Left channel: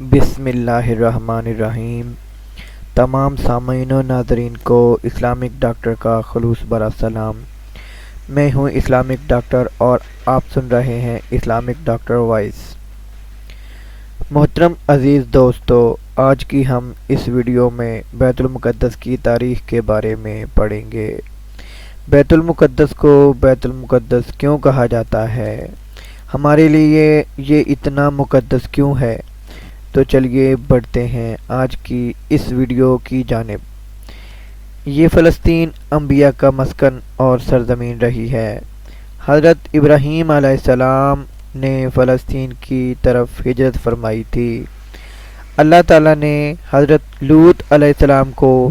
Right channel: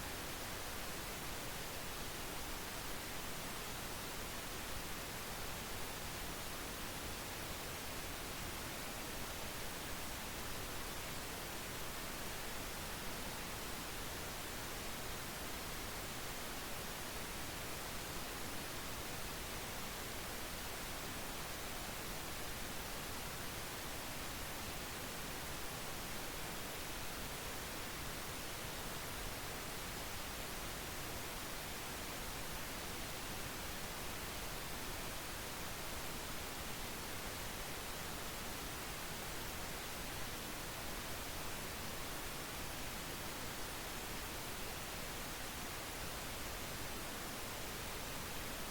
بسم اللہ الرحمن الرحیم۔ تمام سامعین و ناظرین کو اسلامک ڈاکٹر کا خلوص برا سلام۔ میں ہوں اسلامک ڈاکٹر اور آپ سن رہے ہیں اسلامک ڈاکٹر وائس۔ محترم عزیز دوستو، آج کی ہم اس ویڈیو میں بیت المقدس کی تاریخ کے بارے میں پڑھیں گے۔ بیت المقدس کو بیت المقدس کیوں کہا جاتا ہے؟ ہمارے لیے یہ اتنا مقدس کیوں ہے؟ تو چلیے بڑھتے ہیں آج کی اس ویڈیو کی جانب۔ یہ فلسطین انبیاء کا مسکن اور سرزمین رہی ہے۔ حضرت ابراہیم علیہ السلام نے فلسطین کی طرف ہجرت فرمائی تھی۔ اللہ تعالیٰ نے حضرت لوط علیہ السلام کو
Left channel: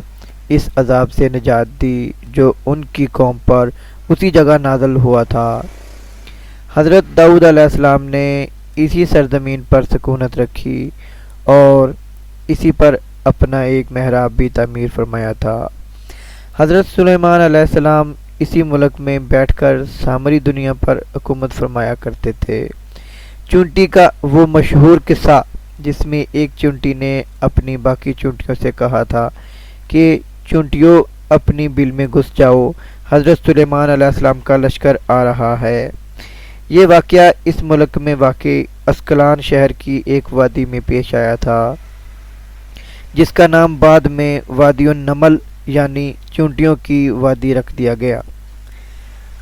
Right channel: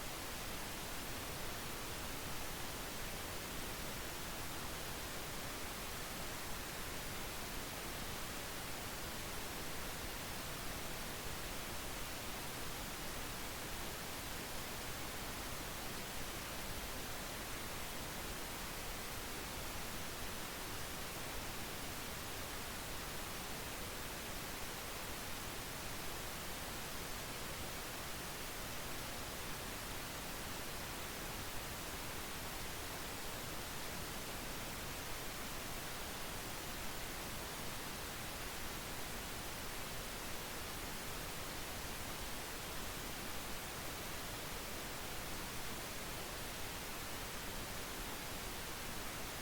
اس عذاب سے نجات دی جو ان کی قوم پر اسی جگہ نازل ہوا تھا۔ حضرت داؤد علیہ السلام نے اسی سرزمین پر سکونت رکھی اور اسی پر اپنا ایک محراب بھی تعمیر فرمایا تھا۔ حضرت سلیمان علیہ السلام اسی ملک میں بیٹھ کر سامری دنیا پر حکومت فرمایا کرتے تھے۔ چونٹی کا وہ مشہور قصہ جس میں ایک چونٹی نے اپنی باقی چونٹیوں سے کہا تھا کہ چونٹیوں اپنی بل میں گھس جاؤ، حضرت سلیمان علیہ السلام کا لشکر آ رہا ہے۔ یہ واقعہ اس ملک میں واقع اسکلان شہر کی ایک وادی میں پیش آیا تھا جس کا نام بعد میں وادی النمل یعنی چونٹیوں کی وادی رکھ دیا گیا۔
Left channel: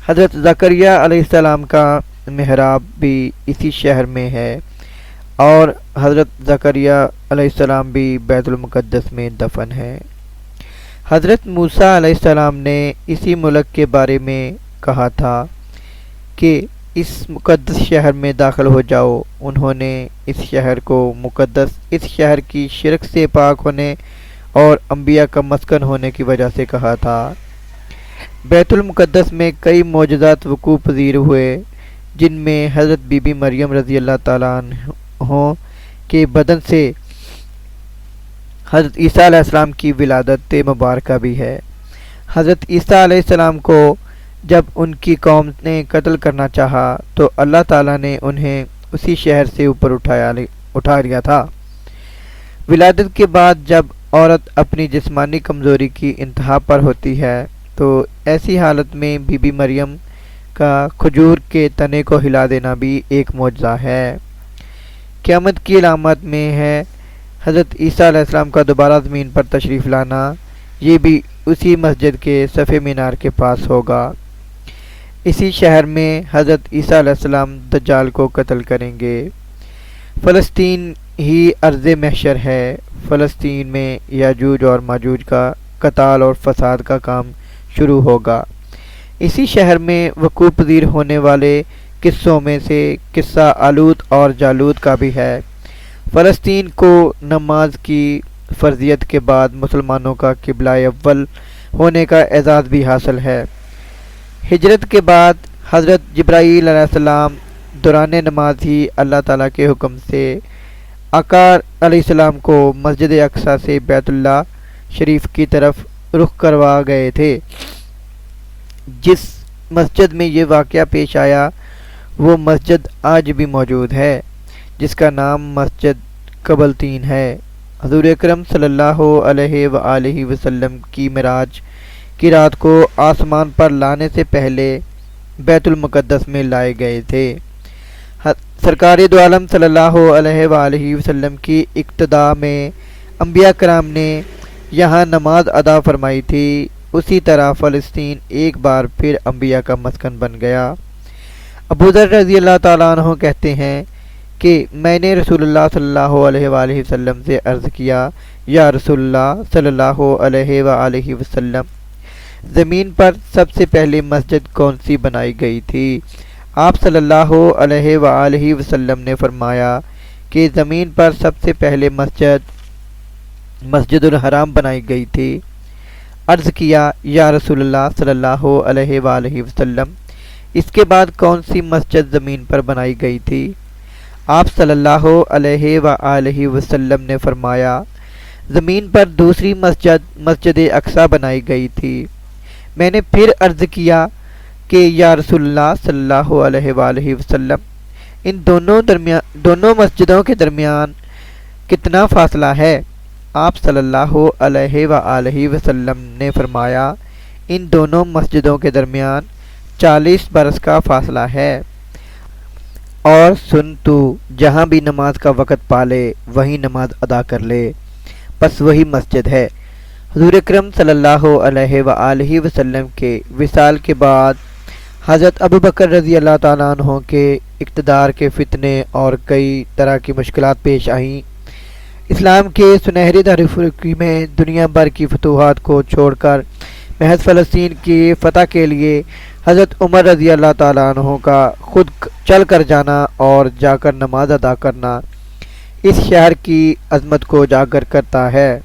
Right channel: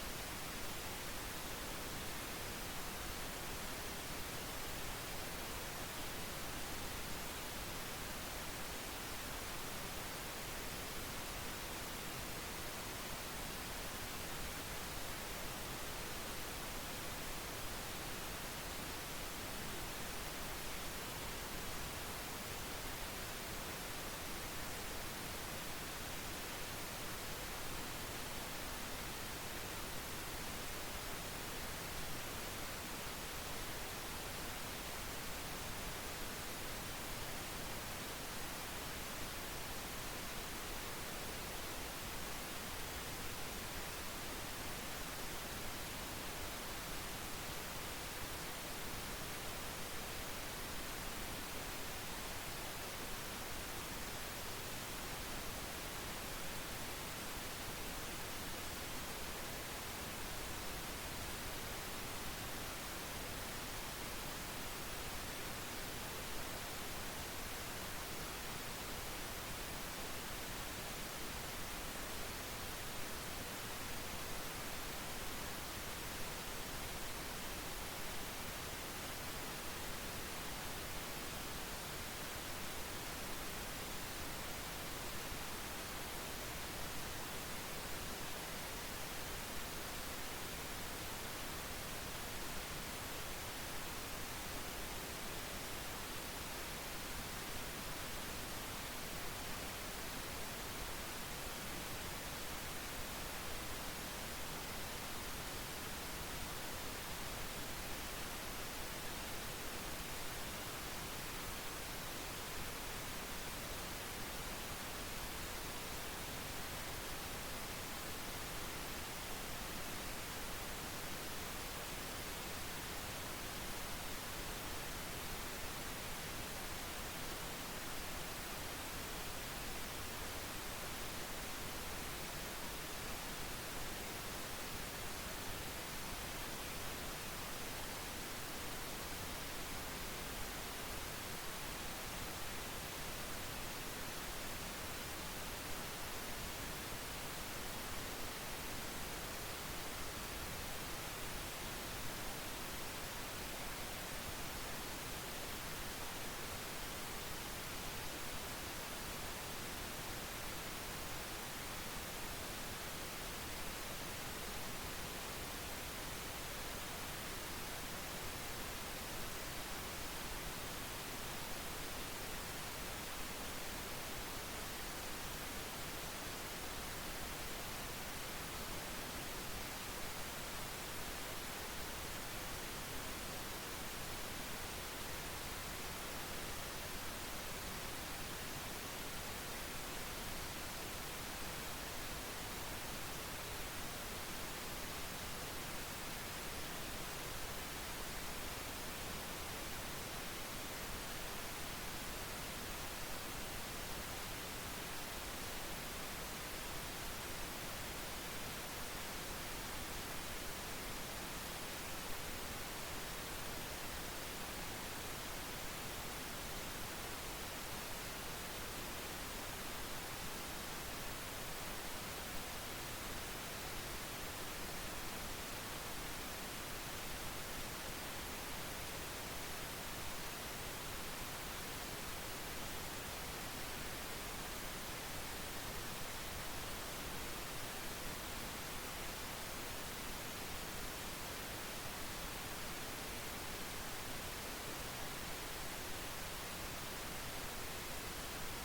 حضرت زکریا علیہ السلام کا محراب بھی اسی شہر میں ہے اور حضرت زکریا علیہ السلام بھی بیت المقدس میں دفن ہے۔ حضرت موسیٰ علیہ السلام نے اسی ملک کے بارے میں کہا تھا کہ اس مقدس شہر میں داخل ہو جاؤ۔ انہوں نے اس شہر کو مقدس اس شہر کی شرک سے پاک ہونے اور انبیاء کا مسکن ہونے کی وجہ سے کہا تھا۔ بیت المقدس میں کئی معجزات وقوع پذیر ہوئے جن میں حضرت بی بی مریم رضی اللہ تعالیٰ عنہ کے بدن سے حضرت عیسیٰ علیہ السلام کی ولادت مبارکہ بھی ہے۔ حضرت عیسیٰ علیہ السلام کو جب ان کی قوم نے قتل کرنا چاہا تو اللہ تعالیٰ نے انہیں اسی شہر سے اوپر اٹھا لیا تھا۔ ولادت کے بعد جب عورت اپنی جسمانی کمزوری کی انتہا پر ہوتی ہے تو ایسی حالت میں بی بی مریم کا کھجور کے تنے کو ہلا دینا بھی ایک معجزہ ہے۔ قیامت کی علامت میں ہے حضرت عیسیٰ علیہ السلام کا دوبارہ زمین پر تشریف لانا۔ یہ بھی اسی مسجد کے صفِ مینار کے پاس ہوگا۔ اسی شہر میں حضرت عیسیٰ علیہ السلام دجال کو قتل کریں گے۔ فلسطین ہی ارض محشر ہے۔ فلسطین میں یاجوج اور ماجوج کا قتال اور فساد کا کام شروع ہوگا۔ اسی شہر میں وقوع پذیر ہونے والے قصوں میں سے قصہ آلوت اور جالوت کا بھی ہے۔ فلسطین کو نماز کی فرضیت کے بعد مسلمانوں کا قبلہ اول ہونے کا اعزاز بھی حاصل ہے۔ ہجرت کے بعد حضرت جبرائیل علیہ السلام دوران نماز ہی اللہ تعالیٰ کے حکم سے آقا علیہ السلام کو مسجد اقصیٰ سے بیت اللہ شریف کی طرف رخ کروا گئے تھے۔ جس مسجد میں یہ واقعہ پیش آیا وہ مسجد آج بھی موجود ہے جس کا نام مسجد قبلتین ہے۔ حضور اکرم صلی اللہ علیہ وآلہ وسلم کی معراج کی رات کو آسمان پر لانے سے پہلے بیت المقدس میں لائے گئے تھے۔ سرکار دو عالم صلی اللہ علیہ وآلہ وسلم کی اقتداء میں انبیاء کرام نے یہاں نماز ادا فرمائی تھی۔ اسی طرح فلسطین ایک بار پھر انبیاء کا مسکن بن گیا۔ ابو ذر رضی اللہ تعالیٰ عنہ کہتے ہیں کہ میں نے رسول اللہ صلی اللہ علیہ وآلہ وسلم سے عرض کیا، یا رسول اللہ صلی اللہ علیہ وآلہ وسلم، زمین پر سب سے پہلے مسجد کون سی بنائی گئی تھی؟ آپ صلی اللہ علیہ وآلہ وسلم نے فرمایا کہ زمین پر سب سے پہلے مسجد الحرام بنائی گئی تھی۔ عرض کیا، یا رسول اللہ صلی اللہ علیہ وآلہ وسلم، اس کے بعد کون سی مسجد زمین پر بنائی گئی تھی؟ آپ صلی اللہ علیہ وآلہ وسلم نے فرمایا، زمین پر دوسری مسجد اقصیٰ بنائی گئی تھی۔ میں نے پھر عرض کیا کہ یا رسول اللہ صلی اللہ علیہ وآلہ وسلم، ان دونوں مسجدوں کے درمیان کتنا فاصلہ ہے؟ آپ صلی اللہ علیہ وآلہ وسلم نے فرمایا ان دونوں مسجدوں کے درمیان 40 برس کا فاصلہ ہے۔ اور سن تو جہاں بھی نماز کا وقت پالے وہیں نماز ادا کر لے، پس وہی مسجد ہے۔ حضور اکرم صلی اللہ علیہ وآلہ وسلم کے وصال کے بعد حضرت ابوبکر رضی اللہ تعالیٰ عنہ کے اقتدار کے فتنے اور کئی طرح کی مشکلات پیش آئیں۔ اسلام کے سنہری دارالفلوی میں دنیا بھر کی فتوحات کو چھوڑ کر محض فلسطین کی فتح کے لیے حضرت عمر رضی اللہ تعالیٰ عنہ کا خود چل کر جانا اور جا کر نماز ادا کرنا اس شہر کی عظمت کو اجاگر کرتا ہے۔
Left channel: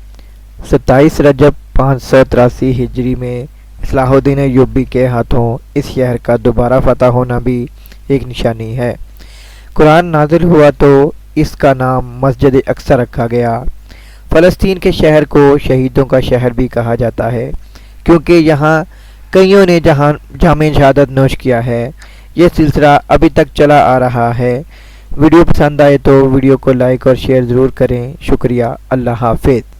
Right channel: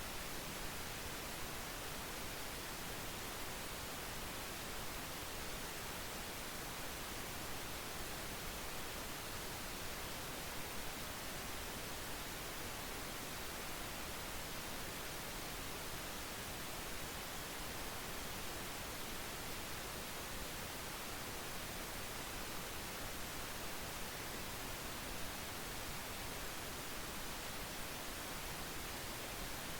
27 رجب 583 ہجری میں صلاح الدین ایوبی کے ہاتھوں اس شہر کا دوبارہ فتح ہونا بھی ایک نشانی ہے۔ قرآن نازل ہوا تو اس کا نام مسجد اقصی رکھا گیا۔ فلسطین کے شہر کو شہیدوں کا شہر بھی کہا جاتا ہے کیونکہ یہاں کئیوں نے جام شہادت نوش کیا ہے۔ یہ سلسلہ ابھی تک چلا آ رہا ہے۔ ویڈیو پسند آئے تو ویڈیو کو لائک اور شیئر ضرور کریں۔ شکریہ۔ اللہ حافظ۔